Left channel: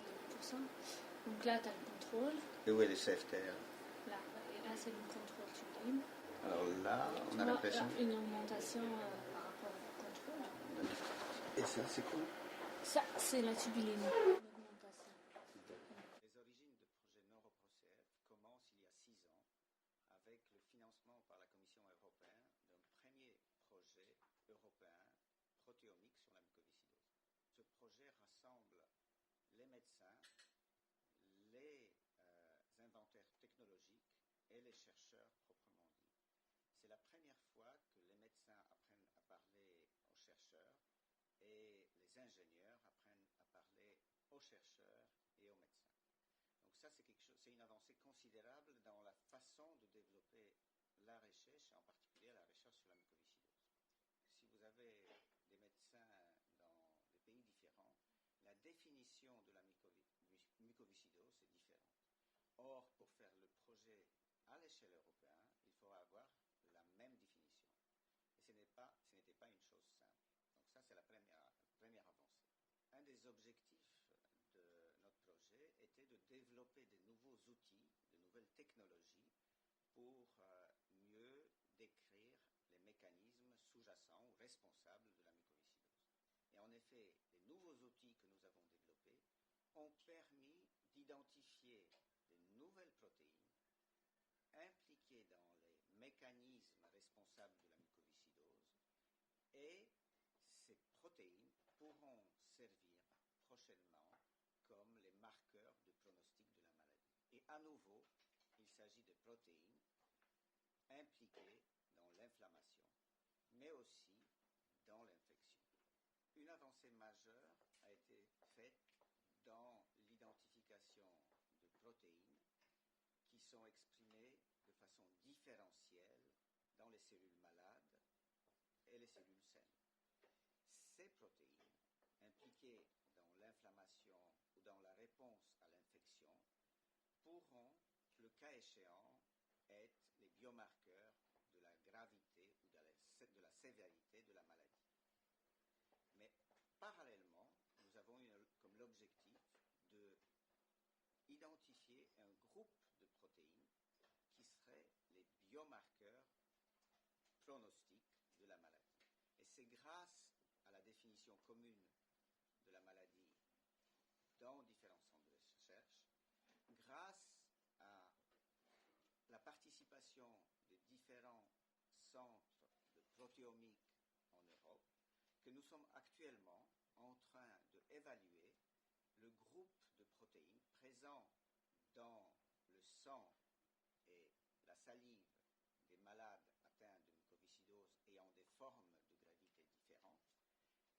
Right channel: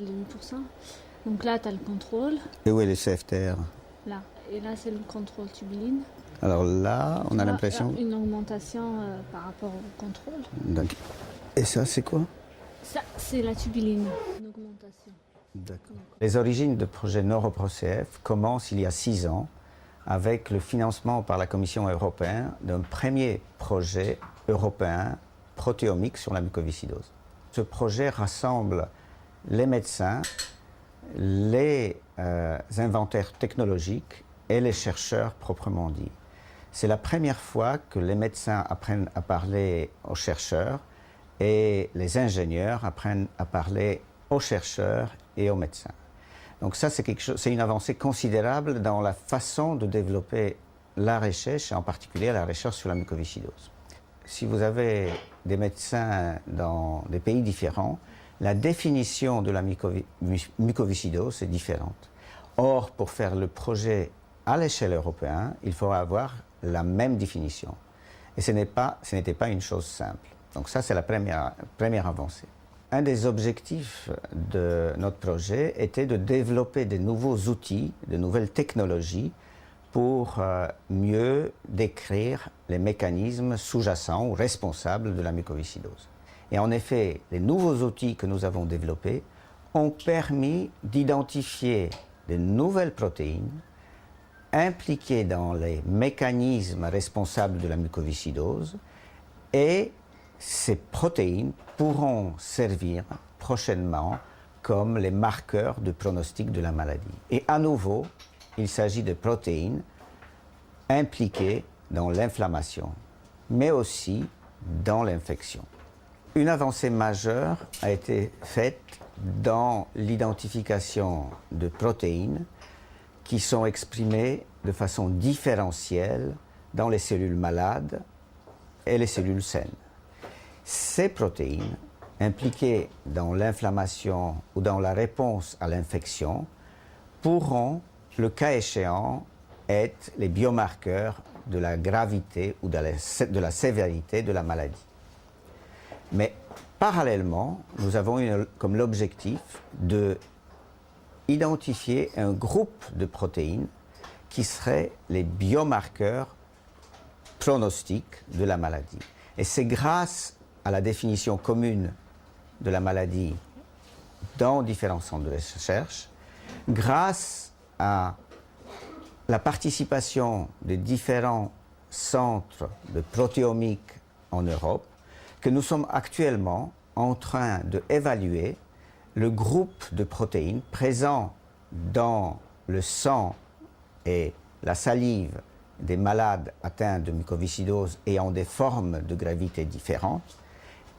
de 8%. Donc là, tu as le contrôle, Et où est le CFTR? là. Et là, c'est le contrôle tubuline. Alors là, on a Tu vois, l'impression... là, une augmentation par rapport au contrôle. Donc, et ça, c'est quoi? Ça, c'est la tubuline, une augmentation. D'accord. Les origines de projet NeuroProCF commencent il y a 6 ans avec le financement par la Commission européenne d'un premier projet européen protéomique sur la mucoviscidose. Ce projet rassemble les médecins, les inventaires technologiques et les chercheurs proprement dit. C'est la première fois que les médecins apprennent à parler aux chercheurs et les ingénieurs apprennent à parler aux chercheurs et aux médecins. Donc ça, c'est une avancée considérable dans la façon de développer la recherche, et en particulier la recherche sur la mucoviscidose. Si vous avez des médecins dans des pays différents, la définition de la mucoviscidose est différente. Or, pour faire le projet à l'échelle européenne, il faudra avoir la même définition. Et ce n'était pas une chose simple. Donc ça, c'est la première avancée. Un des objectifs de notre projet était de développer de nouveaux outils, de nouvelles technologies pour mieux décrire les mécanismes sous-jacents ou responsables de la mucoviscidose. Et en effet, les nouveaux outils que nous avons développés ont permis d'identifier de nouvelles protéines impliquées dans les mécanismes responsables de la mucoviscidose, et ces protéines pourront servir prochainement comme les marqueurs de pronostic de la maladie. Et à nouveau, il s'agit de protéines impliquées dans l'inflammation, mais aussi dans l'infection. Une avancée majeure a été faite dans l'identification de protéines qui sont exprimées de façon différentielle dans les cellules malades et les cellules saines. Ces protéines, impliquées dans l'inflammation ou dans la réponse à l'infection, pourront, le cas échéant, être les biomarqueurs de la gravité ou de la sévérité de la maladie. Mais parallèlement, nous avons comme l'objectif de identifier un groupe de protéines qui seraient les biomarqueurs pronostiques de la maladie. Et c'est grâce à la définition commune de la maladie dans différents centres de recherche, grâce à la participation de différents centres de protéomique en Europe, que nous sommes actuellement en train d'évaluer le groupe de protéines présents dans le sang et la salive des malades atteints de mucoviscidose ayant des formes de gravité différentes,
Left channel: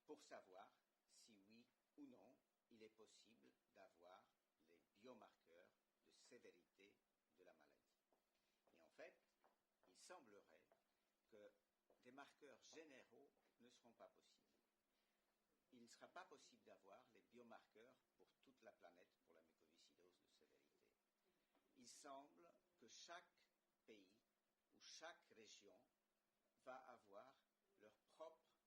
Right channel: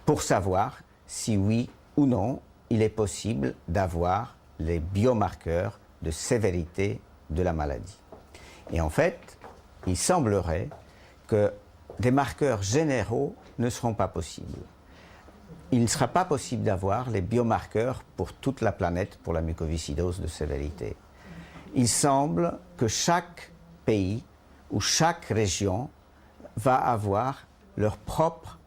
pour savoir si oui ou non il est possible d'avoir les biomarqueurs de sévérité de la maladie. Et en fait, il semblerait que des marqueurs généraux ne seront pas possibles. Il ne sera pas possible d'avoir les biomarqueurs pour toute la planète pour la mucoviscidose de sévérité. Il semble que chaque pays ou chaque région va avoir leur propre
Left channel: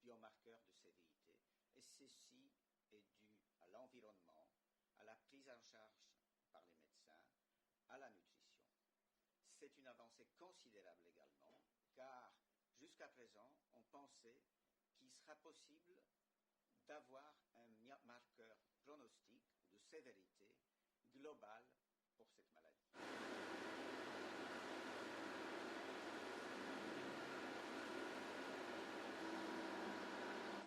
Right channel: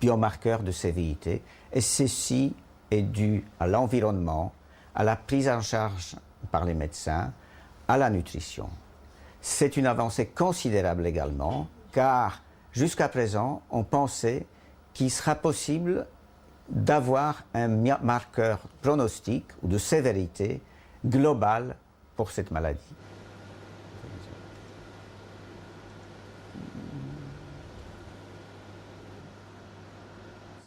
biomarqueur de sévérité, et ceci est dû à l'environnement, à la prise en charge par les médecins, à la nutrition. C'est une avancée considérable également, car jusqu'à présent, on pensait qu'il sera possible d'avoir un marqueur pronostic ou de sévérité global pour cette maladie.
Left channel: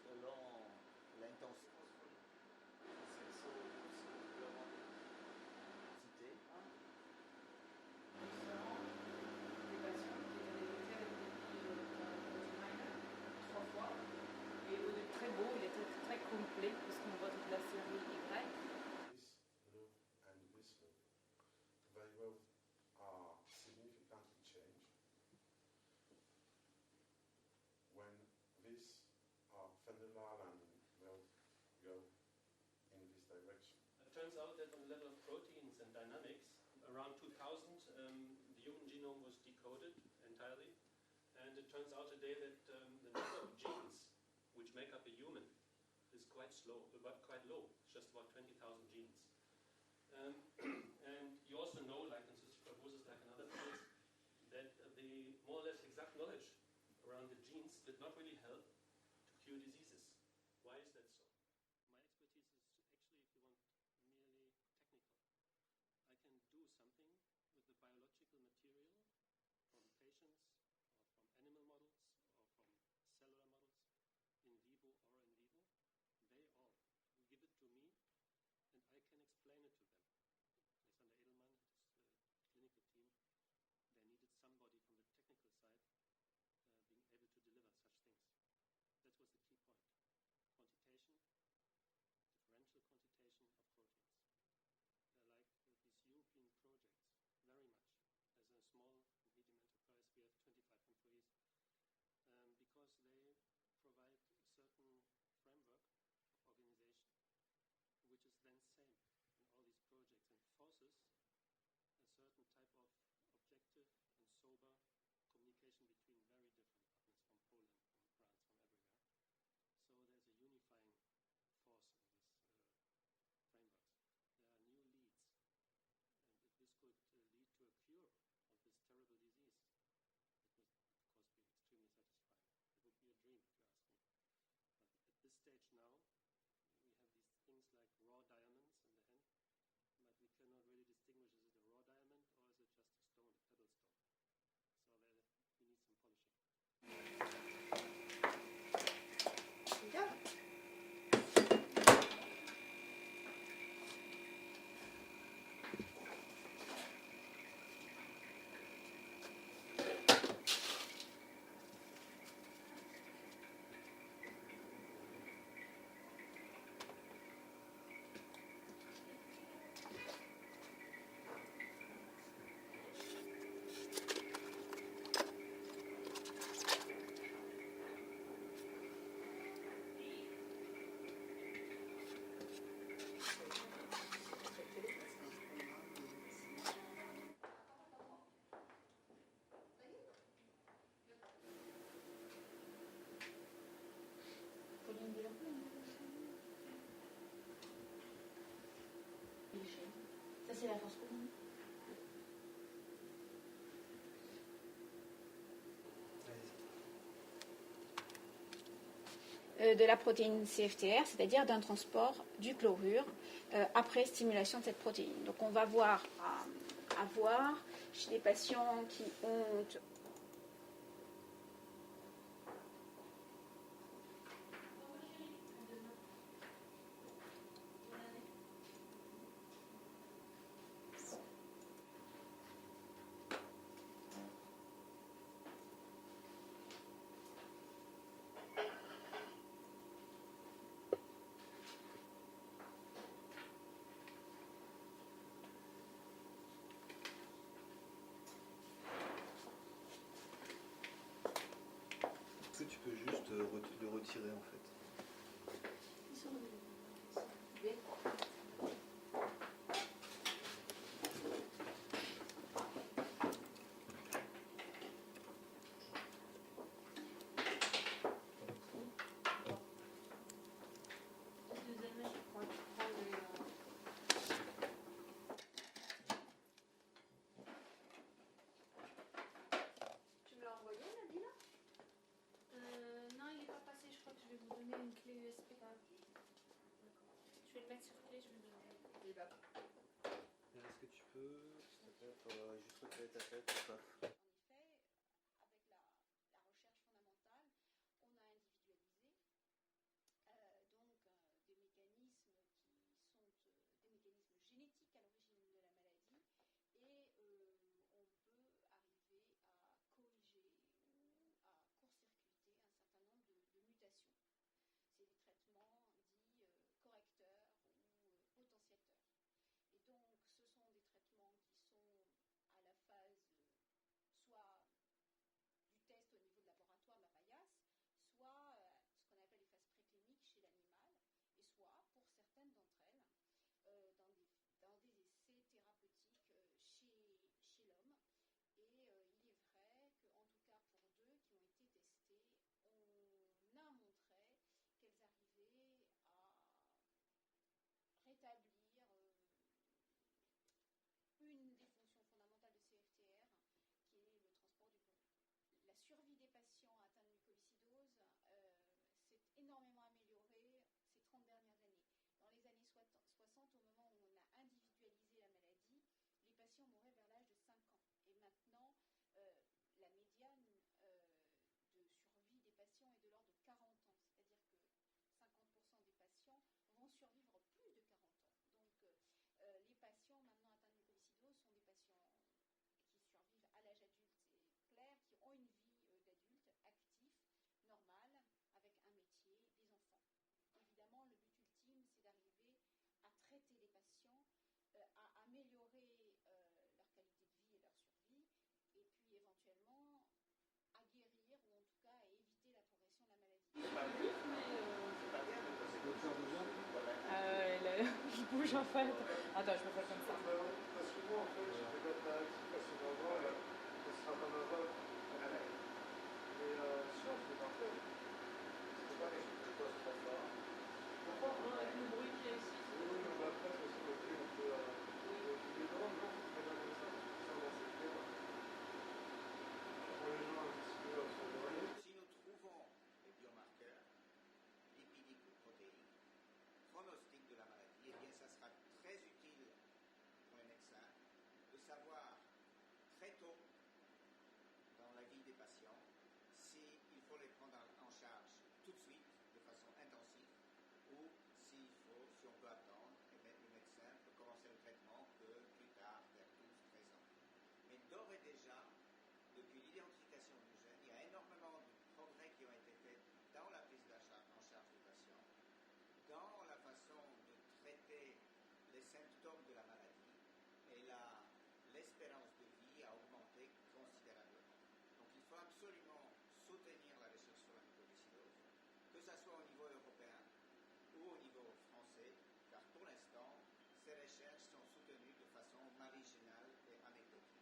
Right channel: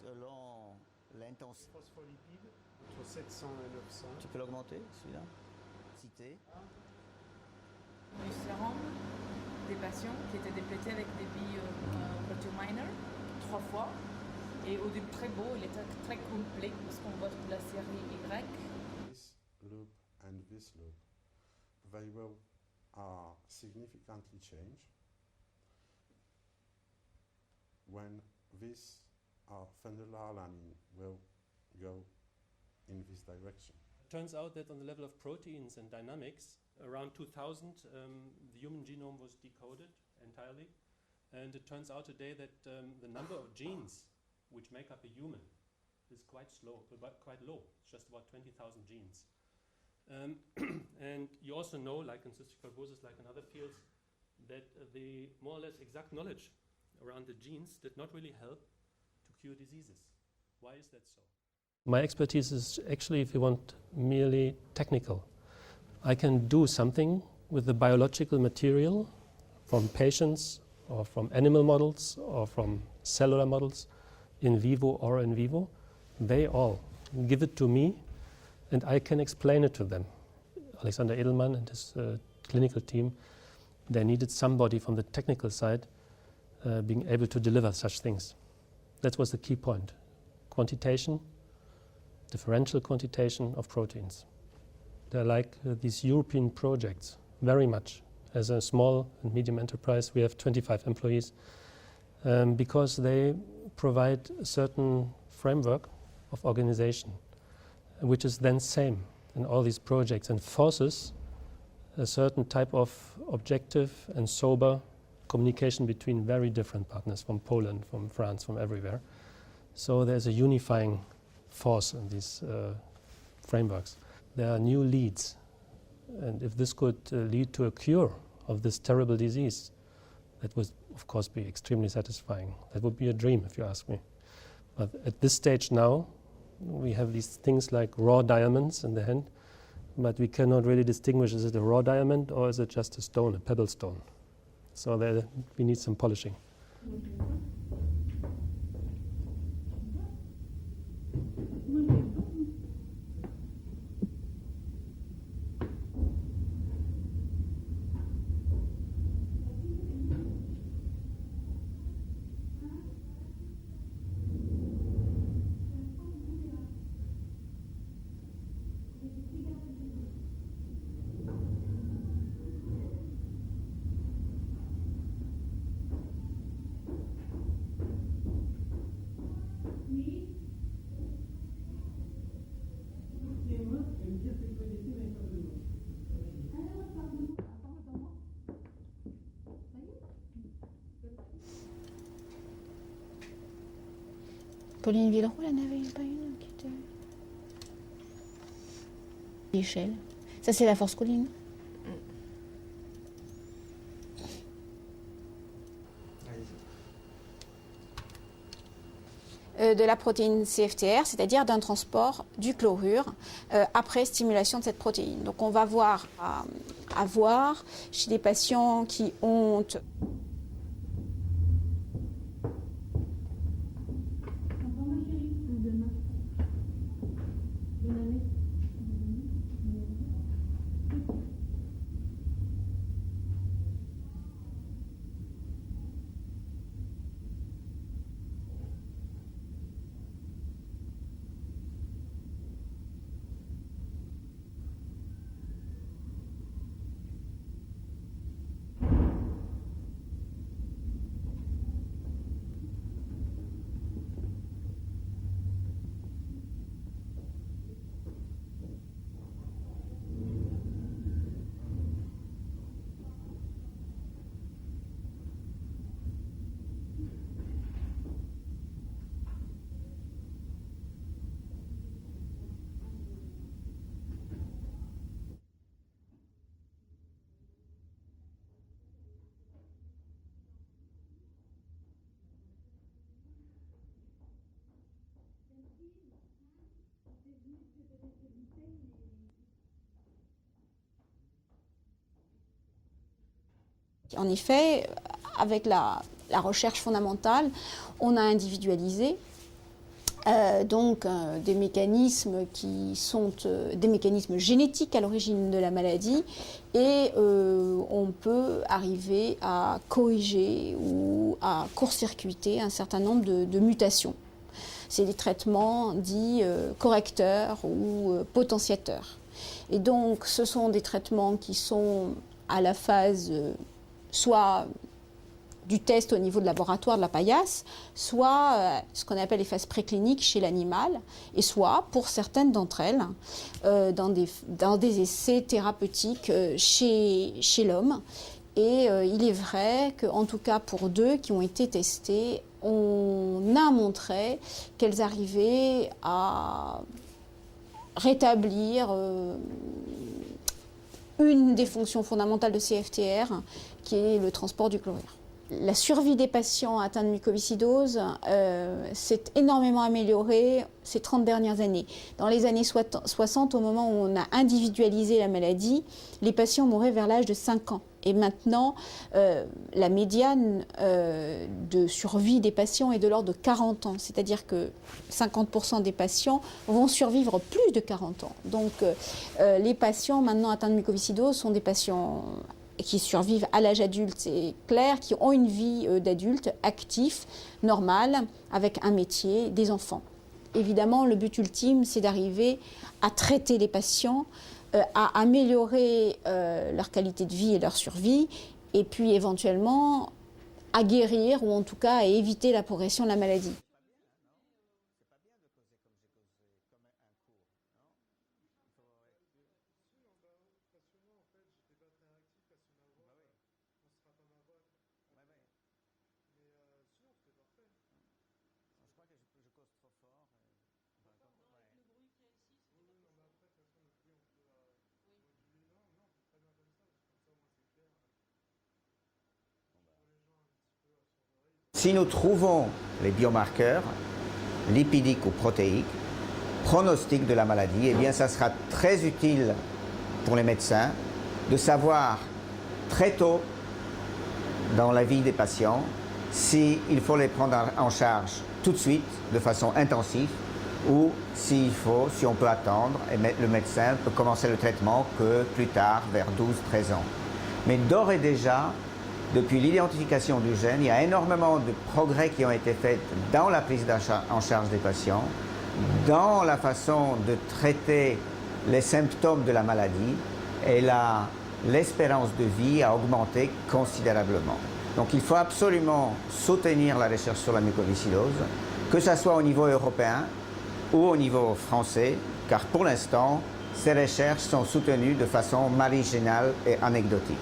Selon l'intensité. Phospholipide, entre 700 et 900. Tu peux l'augmenter, celui-là? Citer. Du sérum des patients qui étaient déplétés avec des billes proteominers 3 fois. Et au début très beau, il était très complet parce qu'on voit toute la série Y. This loop and this loop, they will significantly change when this phenylalanine will go in this direction. It turns out that on the level of proteins and dynamics, around 2000, the human genome was decoded entirely. And it turns out today that the number of genes which make up a human is quite slow, but quite low, just about 20,000 genes. And you also know, like in cystic fibrosis, like in other fields, that the more or less exact knowledge around the genes did not really help to cure diseases. Why is that so? My expertise is actually, if you want, merely technical. I can do something with the biological material from patients or from animal models or from cellular models, in vivo or in vivo. They all give it to me and I can explain it to them. Alexander Edelman and his clinical team, they needed somebody from the technical side being able to deliver such things. That was the key point. Quantitation, differential quantitation of proteins. They're like these European projects, very much. As a small and medium enterprise, we have 25 employees because they provide a certain framework of organization, which is then same in all these projects and forces a certain type of objective and sober communication between very different partners from Poland, from France, from everywhere. So there's a unifying force in these frameworks. There are new leads, and if this could lead to a cure of this terrible disease, that would of course be extremely satisfying. That would be a dream if you ask me. But at this stage now, we have these things like raw diamonds in the hand, but we cannot really distinguish, is it a raw diamond or is it just a stone, a pebble stone? So there we need some polishing. Pauline Villeroy, elle n'avait pas une qui était... L'échelle. Ça, c'est la force Colline. De la protéine CFTR, c'est-à-dire d'un transport du chlorure après stimulation de cette protéine. Donc on va voir chez des patients qui ont En effet, avec la recherche fondamentale, on a individualisé des mécanismes qui sont des mécanismes génétiques à l'origine de la maladie et on peut arriver à corriger ou à court-circuiter un certain nombre de mutations. C'est des traitements dits correcteurs ou potentiateurs. Et donc ce sont des traitements qui sont à la phase soit du test au niveau de laboratoire de la paillasse, soit ce qu'on appelle les phases précliniques chez l'animal, et soit, pour certaines d'entre elles, dans des essais thérapeutiques chez l'homme. Et il est vrai qu'en tout cas pour 2 qui ont été testées, on a montré qu'elles arrivaient à rétablir une des fonctions fondamentales de CFTR, qui est le transport du chlorure. La survie des patients atteints de mucoviscidose s'est énormément améliorée ces 30 dernières années. Dans les années 60, au moment où on a individualisé la maladie, les patients mouraient vers l'âge de 5 ans. Et maintenant, la médiane de survie des patients est de l'ordre de 40 ans. C'est-à-dire que 50% des patients vont survivre plus de 40 ans. Donc les patients maintenant atteints de mucoviscidose sont des patients qui survivent à l'âge adulte, c'est clair, qui ont une vie d'adulte actif, normal, avec un métier, des enfants. Évidemment, le but ultime, c'est d'arriver à traiter les patients, à améliorer leur qualité de vie et leur survie, et puis éventuellement à guérir, ou en tout cas à éviter la progression de la maladie. Je bouge en fait. Attends, je peux faire comme ça. Si nous trouvons les biomarqueurs lipidiques ou protéiques, pronostic de la maladie, eh bien ça sera très utile pour les médecins de savoir très tôt dans la vie des patients s'il faut les prendre en charge tout de suite de façon intensive ou si on peut attendre et le médecin peut commencer le traitement que plus tard, vers 12-13 ans. Mais d'ores et déjà, depuis l'identification du gène, il y a énormément de progrès qui ont été faits dans la prise en charge des patients, dans la façon de traiter les symptômes de la maladie, et l'espérance de vie a augmenté considérablement. Donc il faut absolument soutenir la recherche sur la mucoviscidose, que ce soit au niveau européen ou au niveau français, car pour l'instant, ces recherches sont soutenues de façon marginale et anecdotique.